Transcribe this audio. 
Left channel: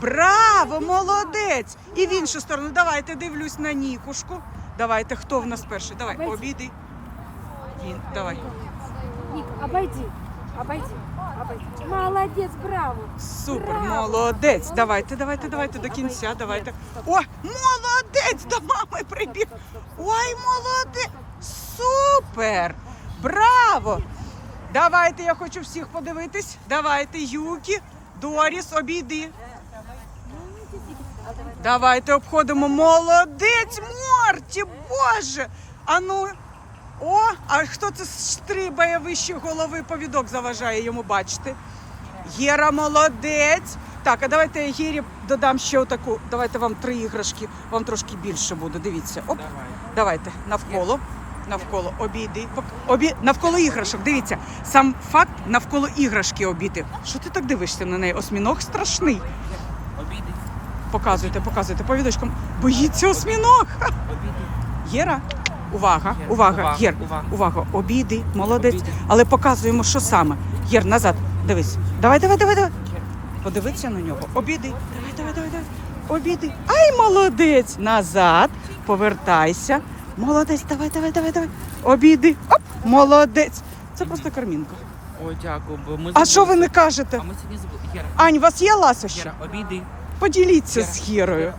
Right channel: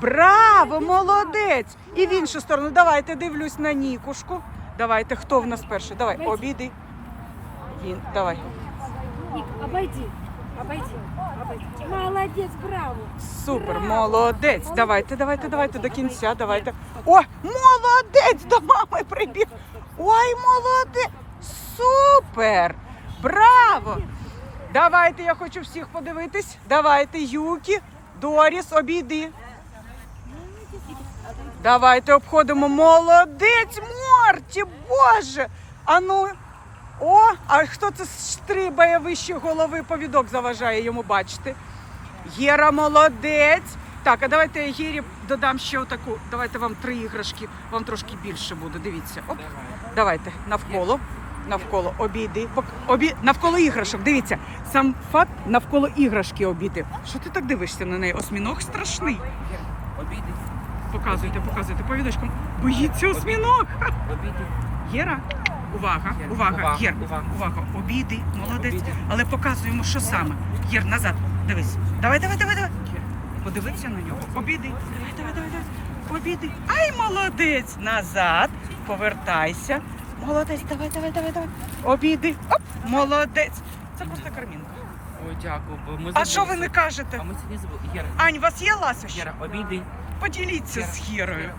Браво, молодець! І в іншу сторону. Давайте дивлюсь на Нікушку. Давайте, хто в нас перший? Давай, обійди. Він, давай. Ник, обойди. Обойди. Обойди. Молодец, браво. Супер, Браво! молодець. Давайте, давайте, давайте до кінця. Давайте. О, молодець! До мами прибіг. Ой, молодець! Супер! Браво! Давайте, я хочу всіх подивитись. Давайте, Юкі, Доріс, обійди. Давайте обходимо. Молодець, Морті, Боже! А ну. О, а хто це стрибає вище голови, повідок заважає йому бачити. Єра молодець. Так, а давайте я Єрі додам ще отаку. Давайте вам три іграшки, вам трошки більше буде. Дивіться. Оп. Давайте навколо. Навколо обійди. Обі... Навколо іграшок. Дивіться, сам факт навколо іграшки обійти. Що ти так дивишся на неї? Осьміног страшний. Обійди, Показуйте, показуйте повідочком. Боїться осьміног. обійди. Єра, увага, Єр, увага, Єр, увага. увага, обійди, молодець. Обійди. Але показуємо, що саме. Єр, назад, дивись. Давай, давай, давай, давай. Подивися на нього. Обійди. Давай, давай, давай, давай. Обійди. Ай, молодець. Назад. Повертайся. Молодець, давай, давай, давай, давай. Обійди. Оп, молодець. Це просто кармінка. О, дякую, ми А що ви не кажете? А ми сьогодні забули. Єра, Ань, у вас є ласощі? Єра, обійди. Поділіться з обійди.